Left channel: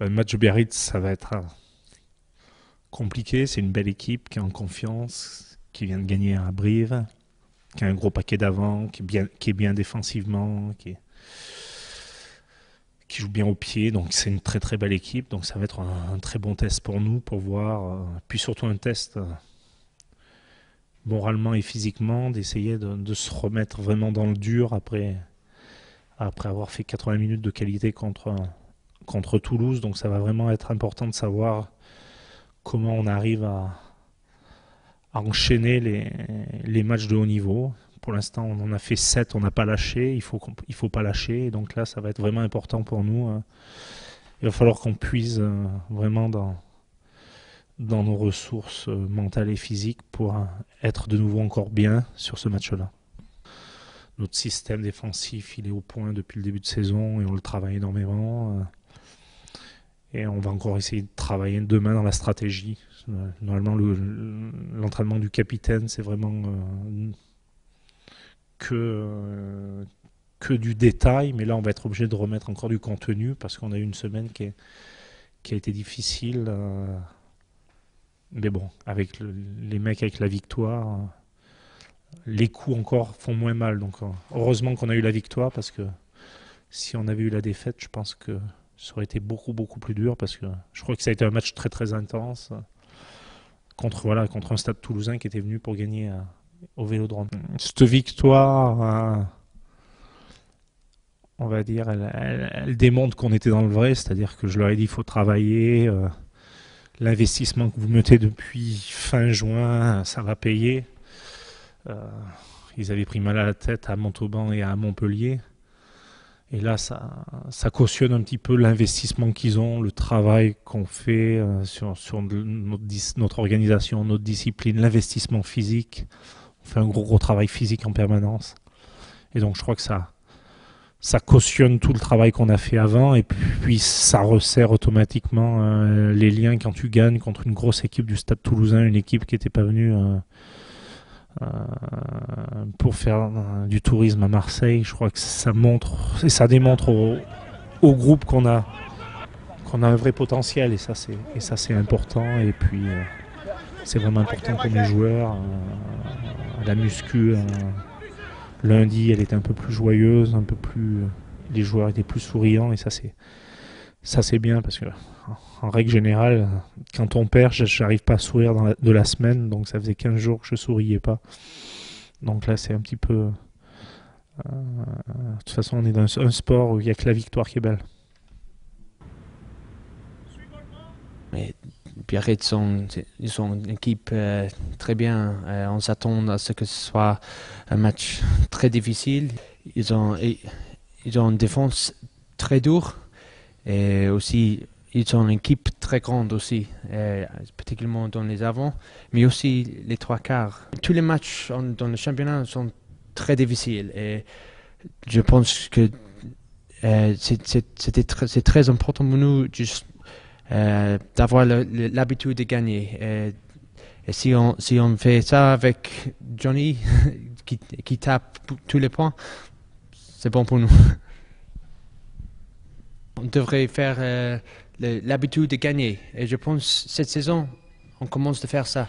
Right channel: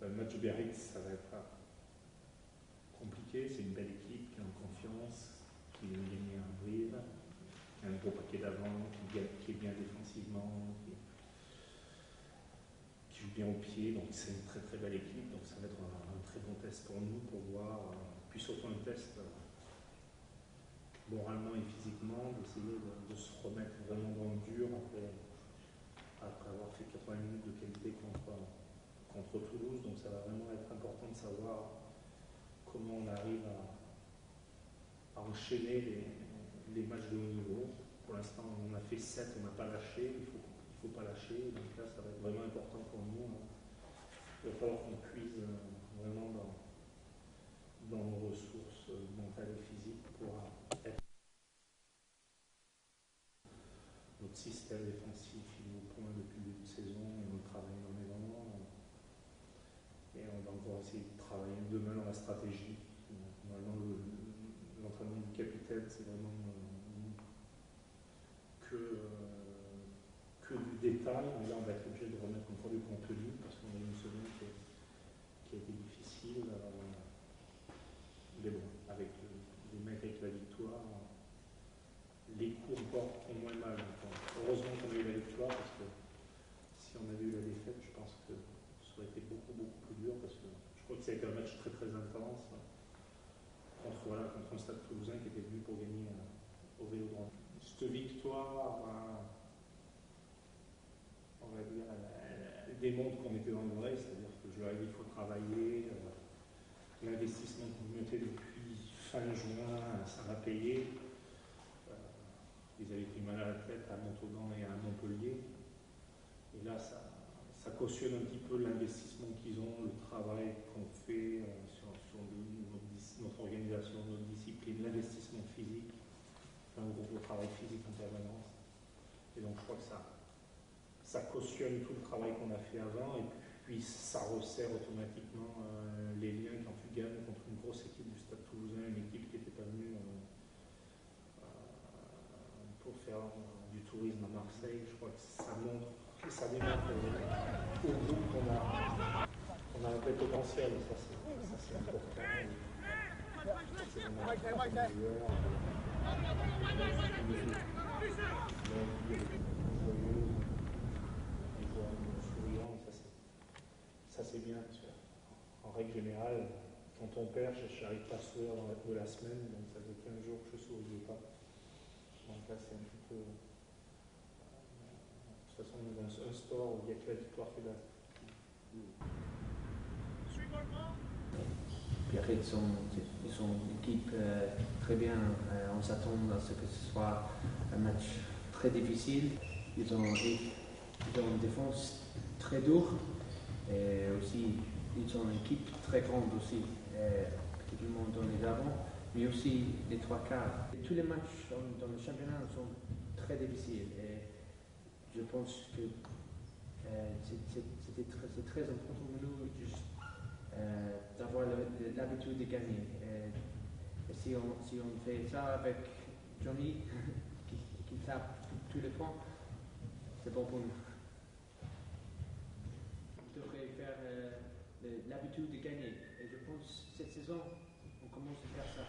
Le match de Biarritz, ça va être compliqué. C'est une belle équipe qui est en confiance, qui vient de gagner à Brive, qui a un gros paquet d'avant, qui est bien défensivement, qui joue bien au pied. Donc c'est une très très belle équipe. Donc ça va être un très bon test pour nous, pour voir. Puis surtout un test moralement et physiquement, d'essayer de se remettre vraiment dans le dur après avoir fait 80 minutes de qualité contre Toulouse. Donc ça va vraiment être important de savoir comment on arrive à enchaîner les matchs de haut niveau. Pour l'instant, on en a fait 7, on n'a pas lâché, il faut pas lâcher. Et donc là, ça va être vraiment important pour nous. Il va falloir qu'on puise vraiment dans nos ressources mentales et physiques pour être de nouveau encore bien sur ce match-là. Notre système défensif, il est au point depuis le début de saison et on le travaille énormément. Et on va encore essayer de travailler demain dans la stratégie. Normalement, l'entraînement du capitaine, c'est vraiment que du détail. Mais là, on va être obligé de remettre encore du contenu parce qu'on a eu une semaine qui a été difficile. Mais bon, avec les mecs avec la victoire, les coups encore font moins mal. Donc heureusement qu'on a eu la victoire parce que si on avait eu la défaite, je pense que ça aurait été beaucoup beaucoup plus dur parce que je crois que ça a été un match très très intense contre un Stade Toulousain qui était venu pour gagner au Vélodrome. Cette victoire, on va dire, elle démontre qu'on était dans le vrai, c'est-à-dire que je leur ai dit il faut travailler, l'investissement que vous mettez depuis fin juin, ça va payer. Ils avaient pris mal à la tête à Montauban et à Montpellier. Et là, ça cautionne un petit peu l'investissement qu'ils ont, le travail qu'on fait sur notre organisation, notre discipline, l'investissement physique. On fait un gros travail physique en permanence. Et donc, je crois que ça cautionne tout le travail qu'on a fait avant. Et puis, ça resserre automatiquement les liens quand tu gagnes contre une grosse équipe du Stade Toulousain, une équipe qui n'était pas venue pour faire du tourisme à Marseille. Je crois que ça montre et ça démontre au groupe qu'on a un vrai potentiel, et ça c'est important. Et puis c'est vraiment important pour les joueurs. La muscu lundi, elle était un peu plus joyeuse, un peu plus, les joueurs étaient plus souriants, et ça c'est bien parce que en règle générale, quand on perd, j'arrive pas à sourire de la semaine, donc ça faisait 15 jours que je souriais pas. Donc là, c'est un petit peu. De toute façon, on est dans un sport où il n'y a que la victoire qui est belle. Mais Biarritz, ils sont une équipe très bien. On s'attend à ce que ce soit un match très difficile. Ils ont une défense très dure et aussi ils ont une équipe très grande aussi, particulièrement dans les avants, mais aussi les trois quarts. Tous les matchs dans le championnat sont très difficiles et je pense que c'est très important pour nous juste d'avoir l'habitude de gagner. Et si on fait ça avec Johnny qui tape tous les points, c'est bon pour nous. On devrait faire l'habitude de gagner. Et je pense que cette saison, on commence à faire ça.